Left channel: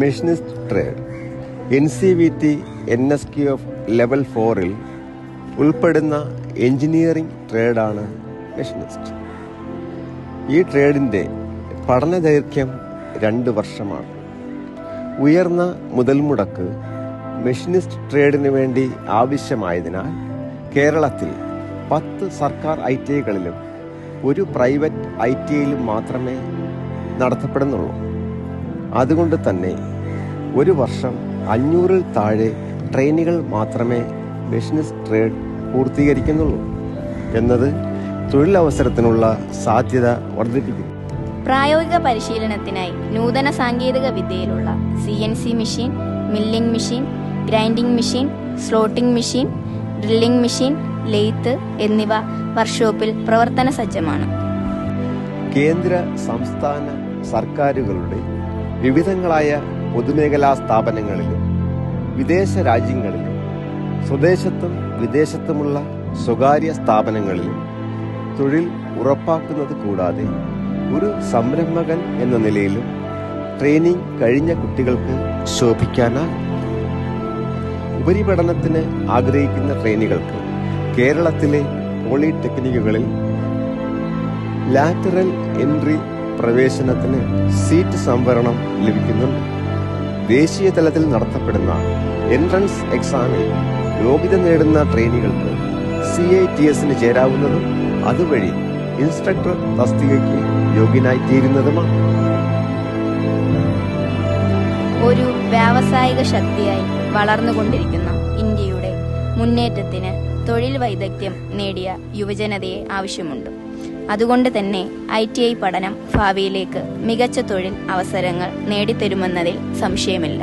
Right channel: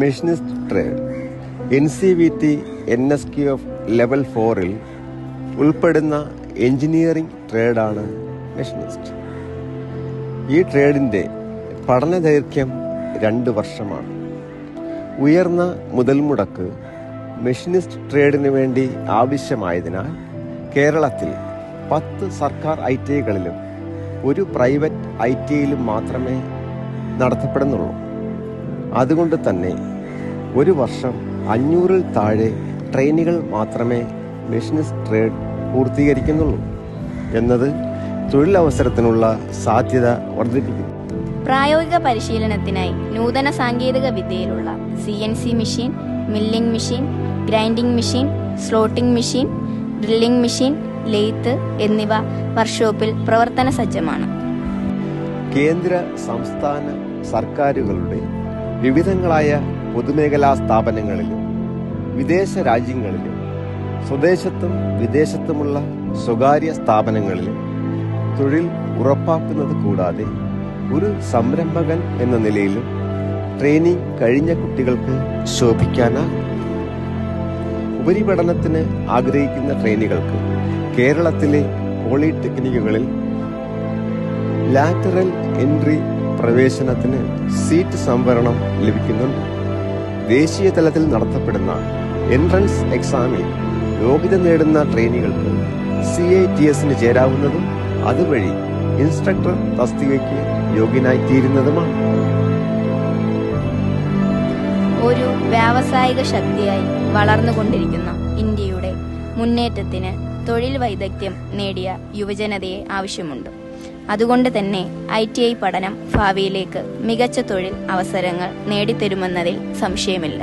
Machinist trade NCVT NSQF level 4-ൽ ഉൾപ്പെടുന്ന engineering ട്രേഡാണ് machinist. ഈ ട്രേഡിൻ്റെ പഠന ദൈർഘ്യം 2 വർഷമാണ്. ഉയർന്ന മുതൽ മുടക്ക് മെഷീനിസ്റ്റ് ട്രേഡിന് വേണ്ടി ആവശ്യമായതിനാൽ കേരളത്തിൽ 10 സർക്കാർ ITIകളിലും ഒരു പ്രൈവറ്റ് ITIയിലും മാത്രമേ നടത്തപ്പെടുന്നുള്ളൂ. അതുകൊണ്ട് തന്നെ ഒരു വർഷം 500-ൽ താഴെ ട്രെയിനികൾ മാത്രമേ മെഷീനിസ്റ്റ് ട്രേഡ് പൂർത്തീകരിക്കുന്നുള്ളൂ എന്നത് തൊഴിലവസരത്തിനുള്ള സാധ്യത വർദ്ധിപ്പിക്കുന്നു. പ്രായോഗിക പരിശീലനത്തിനായി നൂതന സാങ്കേതിക വിദ്യയിലുള്ള CNC machine, milling machine, grinding machine, slotting machine, drilling machine, lathe എന്നിവ വർക്ക്ഷോപ്പിൽ പ്രവർത്തന സജ്ജമാണ്. കേന്ദ്ര സംസ്ഥാന സർക്കാരുകളുടെ വിവിധങ്ങളായ പൊതുമേഖലാ സ്ഥാപനങ്ങളിലും വിദേശ രാജ്യങ്ങളിലും സ്വദേശത്തും വിദേശത്തുമുള്ള സ്വകാര്യ സ്ഥാപനങ്ങളിലും തൊഴിൽ ഉറപ്പാക്കുന്നത് കൂടാതെ ഒരു സംരംഭകൻ എന്ന നിലയിലും ട്രെയിനിങ് കഴിഞ്ഞ കുട്ടികൾക്ക് ശോഭിക്കാനാകും. ഉപരിപഠനത്തിന് ആഗ്രഹിക്കുന്ന ട്രെയിനികൾക്ക് കേരളത്തിലെ പോളിടെക്നിക്കുകളിൽ ലാറ്ററൽ എൻട്രി പ്രവേശനത്തിന് സീറ്റ് സംവരണം ലഭിക്കുന്നുണ്ട്. ദേശീയ തലത്തിൽ നടത്തപ്പെടുന്ന എൻട്രൻസ് എക്സാമിൽ യോഗ്യത നേടുന്ന ട്രെയിനികൾക്ക് CITSന് ചേരാവുന്നതും അതുവഴി ഇൻസ്ട്രക്ടർ തസ്തികയ്ക്ക് യോഗ്യനായിത്തീരുന്നതുമാണ്. ഒരു വ്യാവസായിക ശക്തിയായി വളർന്നുകൊണ്ടിരിക്കുന്ന ഇന്ത്യയുടെ മുന്നേറ്റത്തിന് തൊഴിൽ വൈദഗ്ധ്യം നേടിയ യുവജനതയെ ആവശ്യമുണ്ട്. അതുകൊണ്ട് തന്നെ ITI പഠനം ഭാവിയിലേക്ക് മികച്ച തൊഴിൽ അവസരങ്ങൾ നേടിത്തരുമെന്നതിൽ സംശയമില്ല.